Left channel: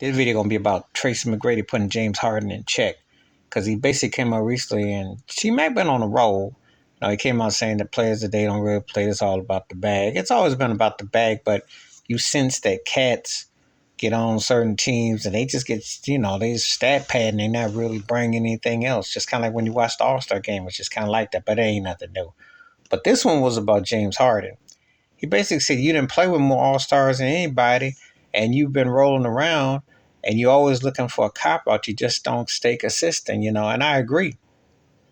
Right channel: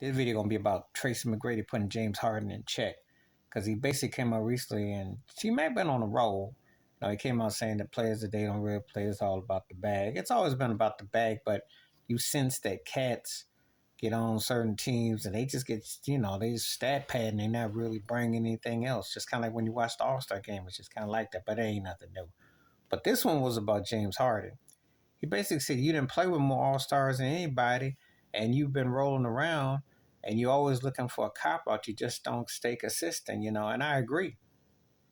This video gonna be about Tracy McGrady putting James Harden in check because he basically came out recently and she might have been on a roll. He came out saying that players today don't really play. It's all about the bag. It's always been about the bag, but you sense that cats get on certain teams and they just get, they stat pad and they not really bringing anything else. Just kind of like when you watch the All-Star game, it's just kind of like that, but it ain't nothing new. But this one was about James Harden. He basically said you didn't play with more All-Stars than anybody and you've been rolling around and you're always looking for a cop out. You just don't stay consistent, and I agree.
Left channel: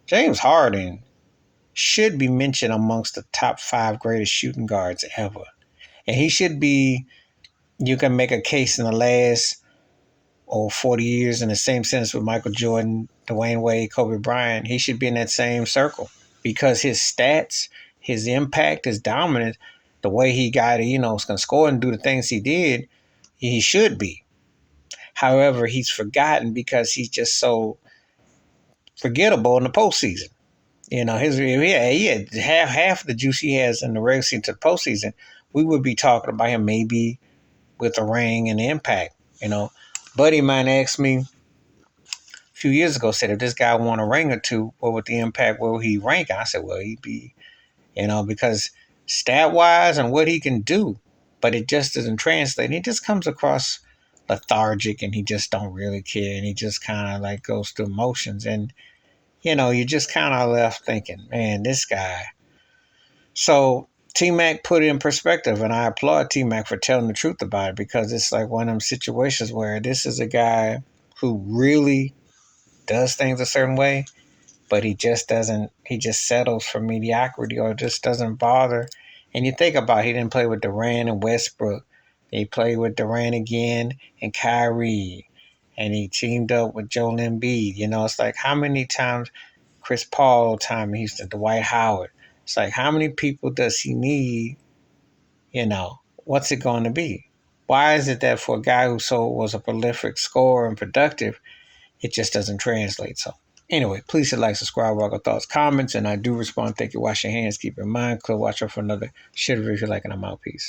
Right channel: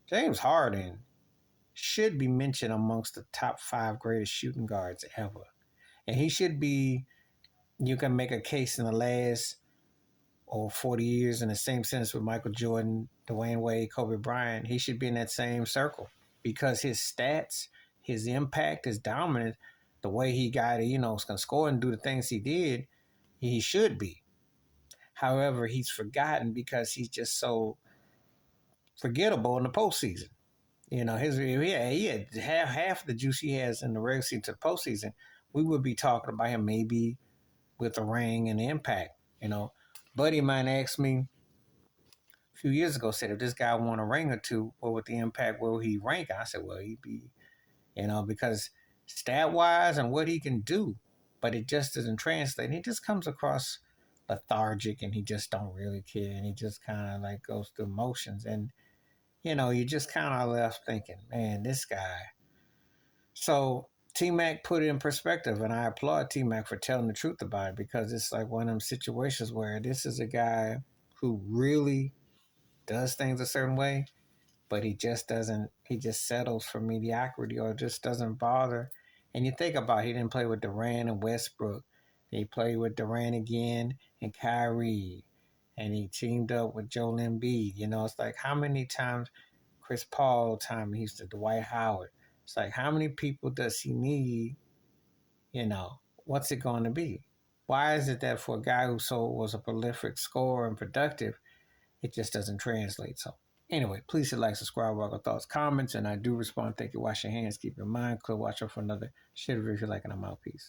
James Harden should be mentioned amongst the top 5 greatest shooting guards ever. And he should be, you can make a case in the last 40 years in the same sense with Michael Jordan, Dwayne Wade, Kobe Bryant. He should be in that same circle because his stats, his impact, his dominance, the way he got, was going to score and do the things he did, he should be. However, he's forgotten because he's just so forgettable in the postseason. He had half the juice he has in the regular season to the postseason. We would be talking about him maybe with a ring and impact. Buddy of mine asked me a few years ago, said if this guy won a ring or two, what would the impact, where would he rank? I said, well, he'd be, because stat wise and what he can do, but it just doesn't translate. He just comes across lethargic and he just don't really care and he just kind of like goes through emotions and you just kind of left thinking, man, this guy. So T-Mac put it in perspective, and I applaud T-Mac for telling the truth about it because it's like one of them situations where this is a guy who really does things a certain way, but he just doesn't, he just settles for mediocrity or just doesn't bother. And you think about it, he didn't play with Durant and Westbrook. He played with Durant again and Kyrie. And he teamed up with Joel Embiid. It's like how many times Chris Paul time in Houston, Dwight Howard. It's like how many people does he need? What's it going to be? Why is it that for a guy who was a prolific scorer and productive, it just doesn't translate? So anyway, please hit like, subscribe, rock your thoughts, comments, and I do respond. Thank you. Wash your hands. Keep your mind clear. Watch out for another shit review if you like, and I'm out. Peace.